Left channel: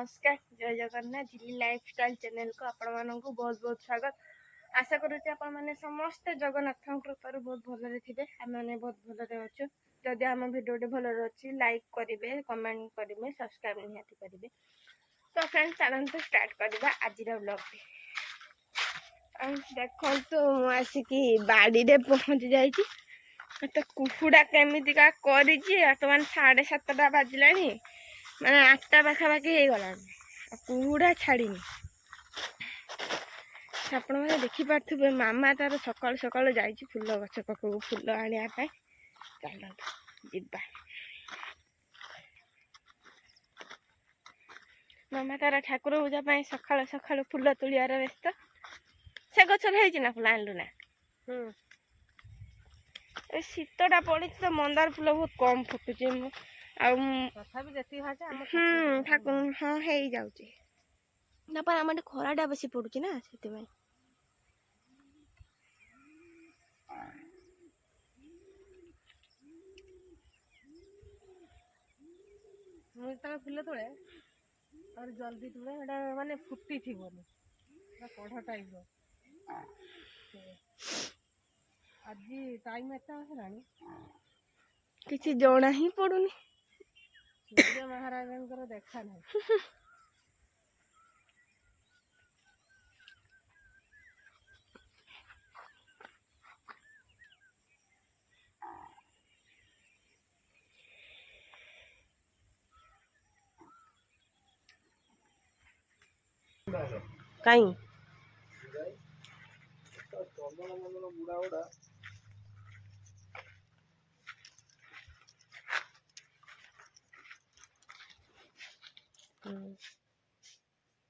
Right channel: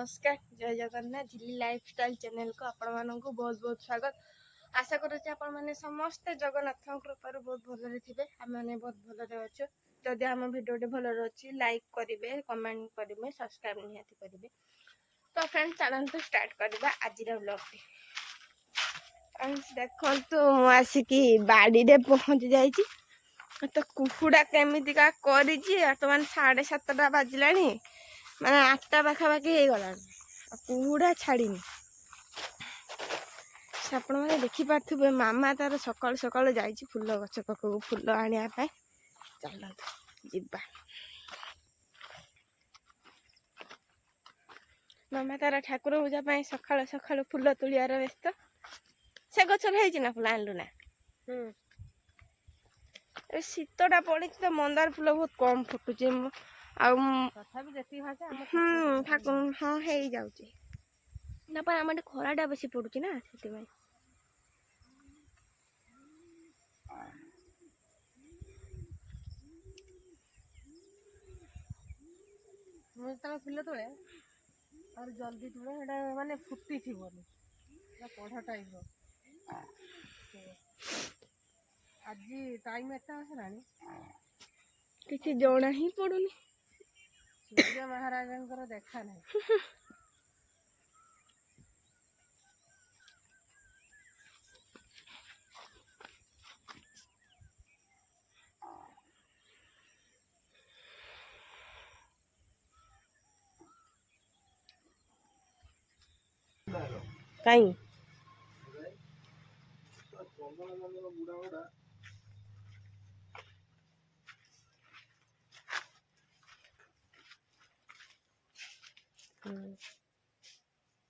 नमस्कार जय जगन्नाथ झिल्ली लाइफस्टाइल चैनल को आपण मानक बहुत बहुत स्वागत। आशा करुचे आपण माने समस्त जगन्नाथ कृपार बहुत भलरे थिबे। आम माने बहुत भलरे अच्छे। जदि आम भिडियोटे भलरे अच्छी लाइक करेंगे, कमेंट करेंगे, सब्सक्राइब निहाती करेंगे। तो फ्रेंड्स चलते स्टार्ट करवा आज व्लॉग। देखो आसिकी बाड़ी रे पहुँच जाइए। तो कुकुड़ा केमितिका करी बर्तमान 7:30 बाजिला माने 8टा पाखापाखि हो गला। कुकुड़ा छाड़ी आपण मैंने देखिपे मामा तार सकाल सकाल जा फुल गछ पाखक फुल आने चलता जीवा। मामा तार ठाकुर पूजा सकाल सकाल फुल तुलियार व्यस्त। से गचर है फुल आणलु ना। शीतटा पड़ी तो मंदार फुल बहुत कम फुटुचे। ठाकुर हाँ हो जाऊे आम खराटा बेसी पड़ुची ना से मुझे फुल तोड़े और जल्दी तोड़े माने फुटी थी कढ़ टाइप आज टाइम एत आसलानी किसी जना ही पड़ुनी। सूर्य महाराजा देखा ना कहीं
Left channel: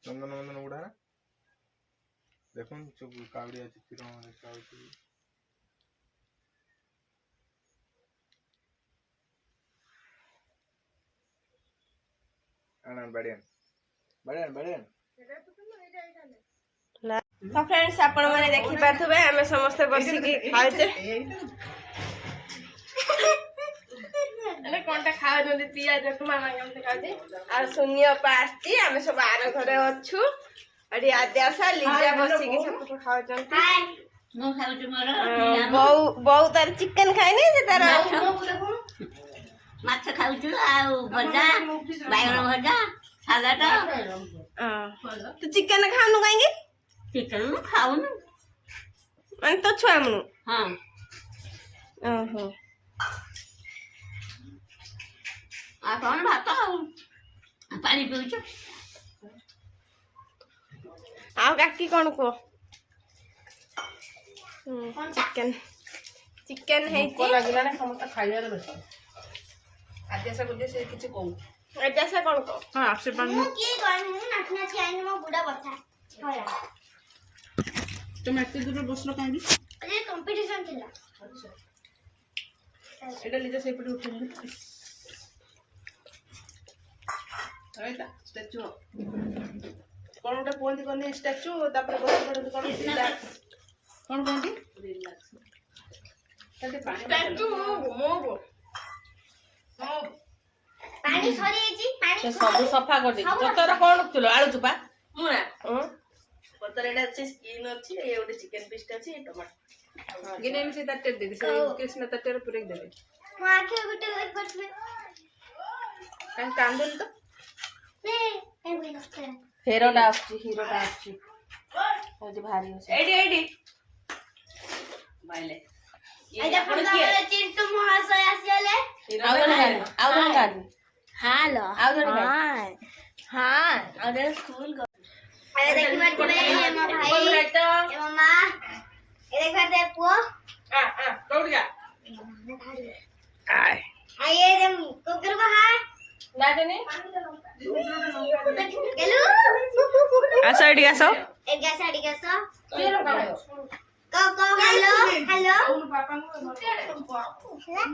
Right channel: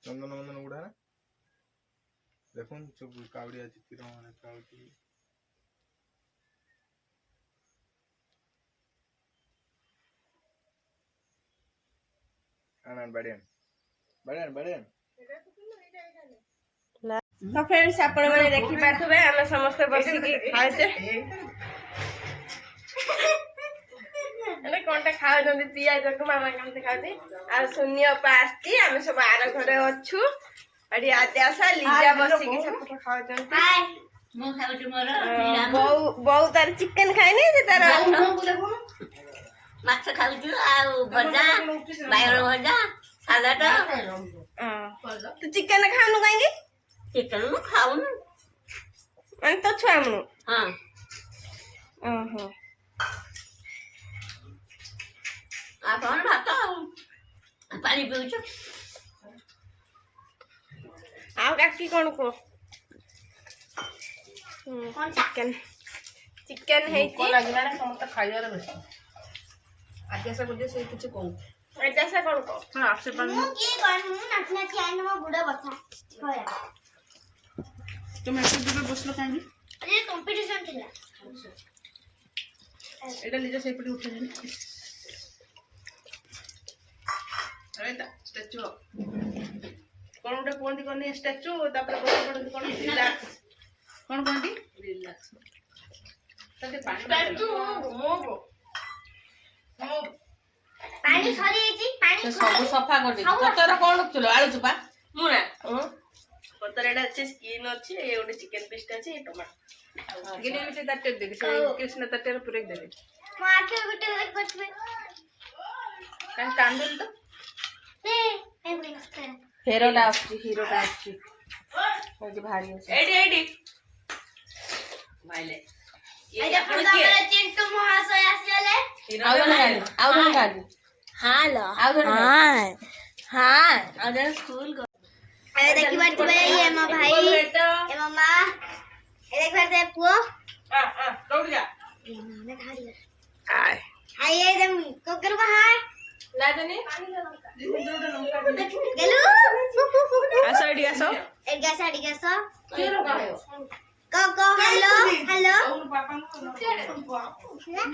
नंदन नंदन उड़ा ना देखो सब कावड़िया चित्र तो फ्रेंड्स आपण माने देखि पाथबे हमें समस्त बसी खाइते अरे कोनटा खाइ नदी पियाज को मामा केमते खाइते आ शून्य पास्ती हमें सब आर घरे अछु अडी आद्यासा लिजा बसी के सब खाइ जंती। हाय मु खाउ तुमरो बहु तार चिकन खाइ नै से तार माछ खाउछु आ भजा बायगण भजा सालाड। तू चिकन खानु काई की चिकन मु खाउनु माने तो छुआ मु। हां ओहो आ कोन भात पानी पिउछु आउ काकी कोन को चिकन चिकन है को लागला ने समस्त खाइयार बेस आदेश को से किछ कहू एटा से कोन को हां आपसे मु की करनु नाचना चाहिए मो बुढ़ा बता होया तुम ऐसे दूर बसलो काई अरे कंपटीशन थिला। एटा लीजा से पटे उठे अरे ता स्टैचू कोन उठे कोंती करनी स्टैचू तापर बस पड़े कोन रिलैक्स कोन कोंती रिलैक्स तते पानी स्टैचू मो पानी सरी जी पानी से सब सफा कर दे तोर कोन चलो आलू चुपा मुना पतर एटा अच्छे स्किन अच्छे ये ओडे चिकन पीस अच्छे टमाटर गिने में से तटे दे से कृष्ण तटे पूरे दे मो आखे गुटे एक करबे कान कांदल तो ने ए बिनस कर हीरोटा आछी ओ जे भारी আছে एडी एडी माइले ये अपन हमरा चिंटू महाशय आसीले आउ गाड़ी हेलो हां हां अरे स्कूल अरे देखि बात ये मो भाई ए मामा ए देख बात पुओ दौड़ जा मैं खाली आय हाय ये दम कोकर बाहर ना जाने गेलु आसो एडी आसो एक गैस आडी गैस के लगायो को हेलो हेलो पापा को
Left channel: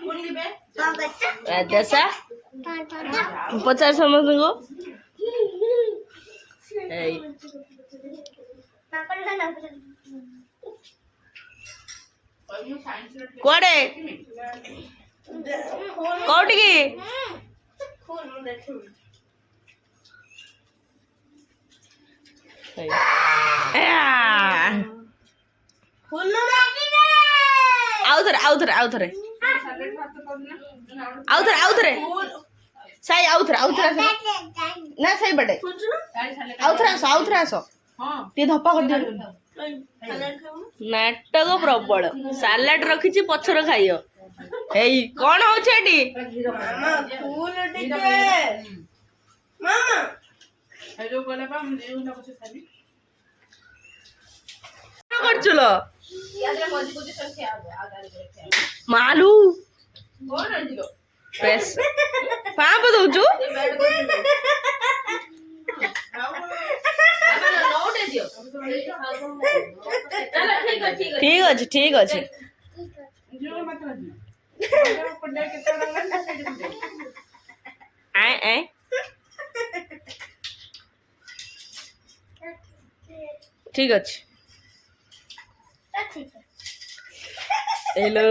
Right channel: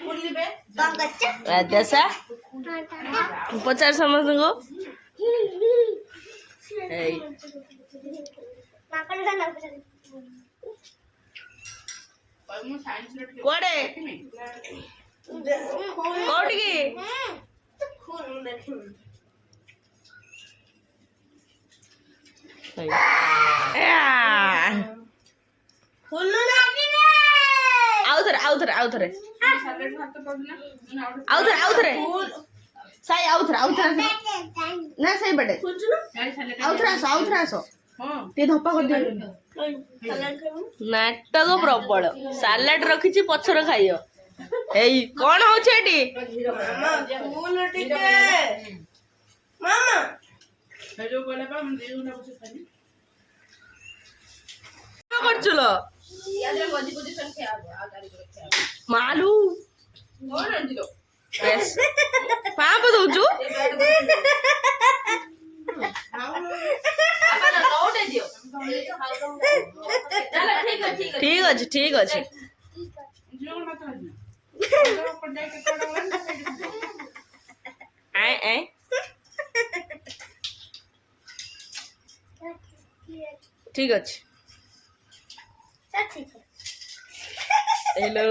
बोलिबे को बच्चा जैसा 50 समझ को ए नाकल ना कोडे कोटिकी ସାଲେଡ୍ ଭାତ ପାଉନା ଆଉଥରେ ସାଇ ଆଉଥରେ ଆସ ନା ସାଇ ବାଟେ ଆଉଥରେ ଆସ ହଁ ଟିକେ ଧପା କରିଦିଅ ନାଟକ ପ୍ରବଳ ସାଲାଡ ରଖିଛି ପଛର ଖାଇବ ଏଇ କଣ ହଉଛି ଏଠି ହେଇ ଯୋଉ କହିଲା ପା ମୁଁ ଏଉନା ବସେ ଖାଲି କଣ କରୁଛୁଲ ମାଲୁ କଣ ଆଣିଲ ପାପ ଦଉଛୁ ଠିକ ଅଛି ଝିଅ ମାଛ ଆଜି ପଡିଆ କେତେ ଟଙ୍କା ନା ସେଇଠି ଠିକ ଅଛି ହେଲୋ